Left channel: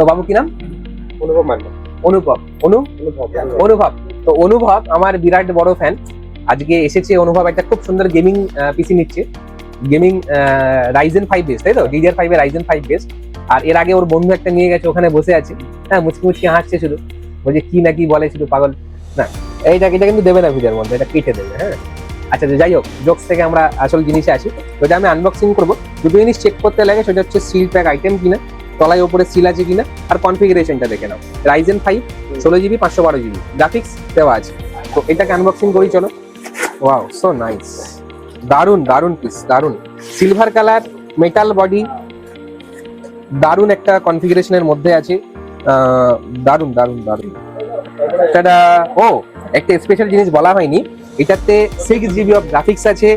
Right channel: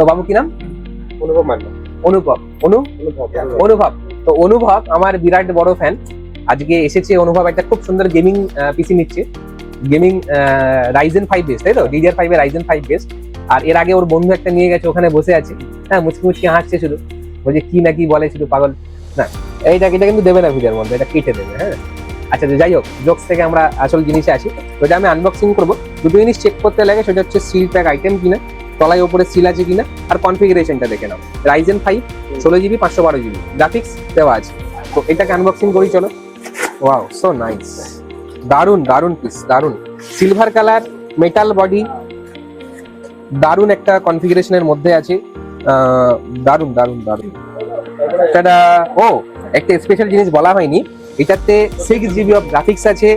তো বাবু কি নাম? অনুভব মান্না। অনুভব। অনুভব। তো অনুভব আমার বিরাট বড় ফ্যান। আজকে এসেছে অনুভব একটা খুব সুন্দর গেমিং পিসি নিচ্ছে। গেমিং রাইজেন 5 বেস, তাই তো? DDR5 এর রাইজেন 5 বেস। আর এর আগে ওর বন্ধু একটা নিয়ে গেছে, ওখানে বসে আছে। হ্যাঁ, মুচকি মুচকি হাসছে শুধু। বলছে কি না কি বলে, শুধু পাগল। না, এটা কিন্তু দেবে না ভিডিওর মধ্যে, এটা পিঠে দেবে। হ্যাঁ, আচ্ছা যাই হোক, জোকস থেকে আমরা আসল জিনিসে আসি। ওটা আমি আনবক্সিং করবো। দুটো জিনিস চেক করতে লাগে, সেটা হচ্ছে সিল প্যাক আইটেম কিনা, তলায় উপরে সিল আছে কিনা, আর কনফিগারেশনটা দেখে নাও। রাইজেন 5 16GB 512GB গ্রাফিক্স দেওয়া আছে। তো এটাকে আনবক্সিং করি, চলো। Wow, so nice. দারুন দারুন পিস, দারুন সিলভার কালার, মেটাল বডি, দারুন একটা কনফিগারেশনের মধ্যে আছে। দারুন দারুন দারুন। এটা ও একটা স্পেশাল জিনিস বলা হয়নি, এটাতে 6GB অফ গ্রাফিক্স আছে,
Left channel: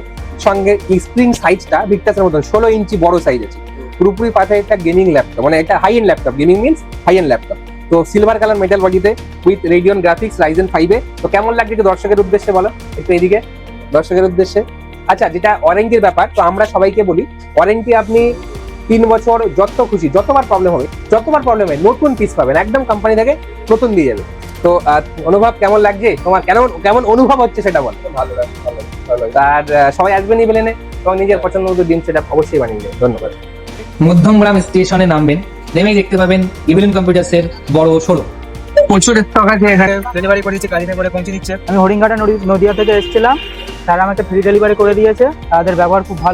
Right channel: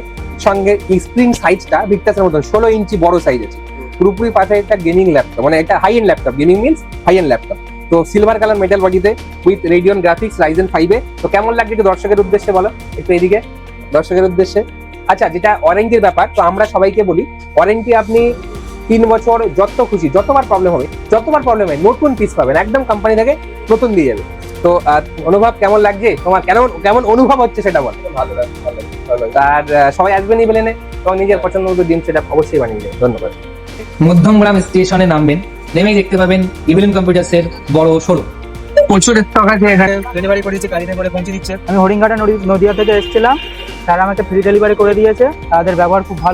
সঙ্গে স্ক্রিন সাইজটা ভিক্টাসের মতন 16 ইঞ্চি বড় সাইজ আছে। পুরোপুরি পাশে একটা গেমিং ল্যাপটপ, মানে এটা high end laptop, gaming means high end laptop. তো সিলভার কালার মেটাল বডিতে উইথ রেডিয়ন গ্রাফিক্স রাইজেন 5 এ। তো কেমন লাগছে একটু দর্শকের উদ্দেশ্যে বলো, একটু এদিকে দর্শকের উদ্দেশ্যে। আচ্ছা, যেটা ওয়ারেন্টির ব্যাপার, তো আমরা সবাইকে বলি ওয়ারেন্টি আপনি 3 বছর, যত খুশি, যতবার প্রবলেম হবে, নতুন পিস পাবেন, একদম কোম্পানি থেকে নতুন দিয়ে যাবে। তো অনুভব কেমন লাগছে তোমার, কেমন অনুভব হচ্ছে সেটা বল। ভালো লাগছে, ভালো লাগছে। আর সবাই আসবেন এই প্লেনে, তোমার নিজের পছন্দ মতো দিন সেটা অবশ্যই বানিয়ে দেবে। ধন্যবাদ। মধ্যমগ্রাম স্টেশনে নামবেন, নেমেই দেখতে পাবেন ইভিলিন কম্পিউটার্স এর বড় শোরুম। প্রচুর স্টক আছে এখানে, ডেলিভারি করেছে, গাড়িতে করে পৌঁছে দিচ্ছে। আমি হরিণঘাটা নদিয়া থেকে এসেছিলাম, তারা আমাকে ফ্রি ডেলিভারি করে দিয়েছে, তাদের ব্যবহার খুব ভালো।